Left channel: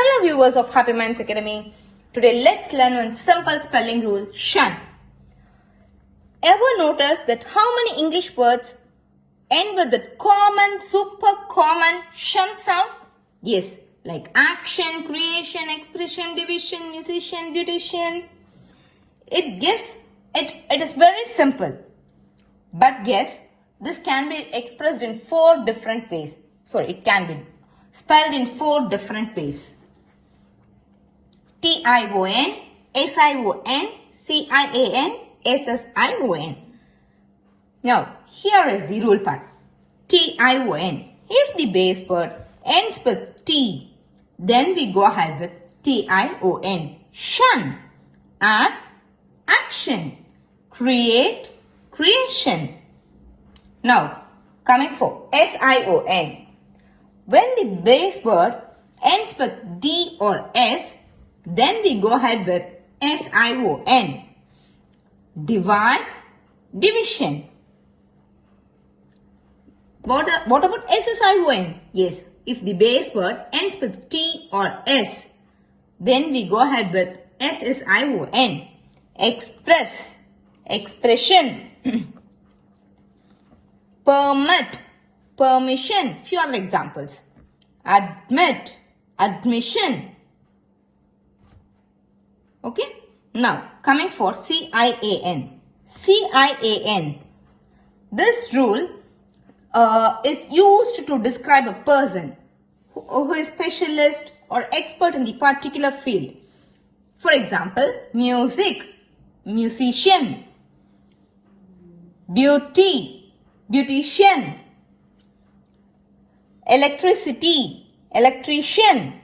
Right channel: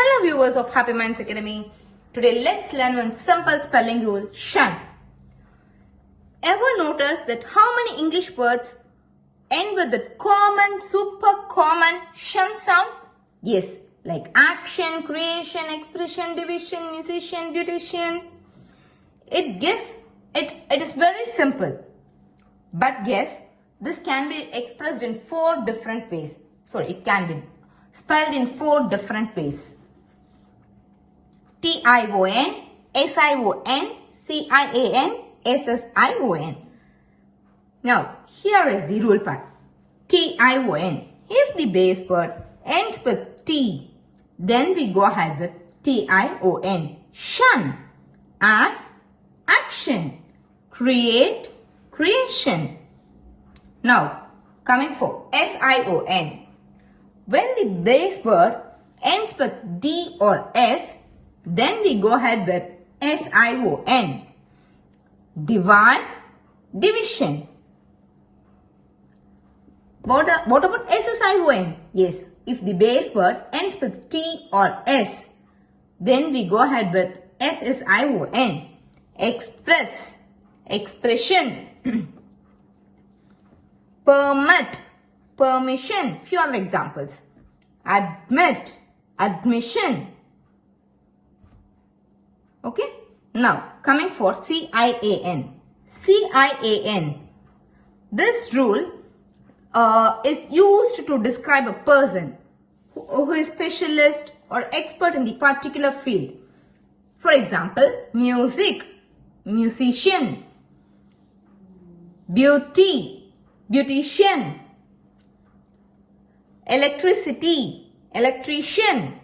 Hello viewers of Happy Minds Academy. Today let's learn one simple spelling rule, shun. Ever notice that how many English words end with the common, super common shun sound? Yes, like action, creation, expression, division, musician, beautician. It is very simple. But guess, this can be expressed in 4 different ways. It can be spelled in 4 different ways. Tion, Sion, Cian, Ssion. Now, here is the rule part. Tion. If the base word ends with T, then we go ahead with Tion. Shun. Act, action. Create, creation. Now, coming for Sion. When the base word ends with D or S, then we go ahead with Sion. Divide, division. What about Ssion? Yes, if the base word ends with T or S, then we go ahead with Ssion. Express, expression. Permit, permission. Few other examples. Admit, admission. Okay. Now, coming for Cian. Cian. This rule is used to describe a person who is specialist or expert in the particular field. For example, music, musician. Beauty, beautician. Electricity, electrician.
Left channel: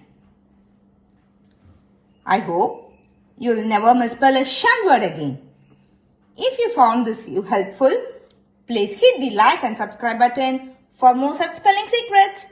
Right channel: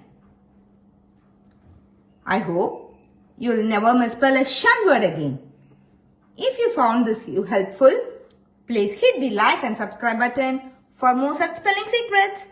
I hope you'll never misspell a shun word again. If you found this helpful, please hit the like and subscribe button for more such spelling secrets.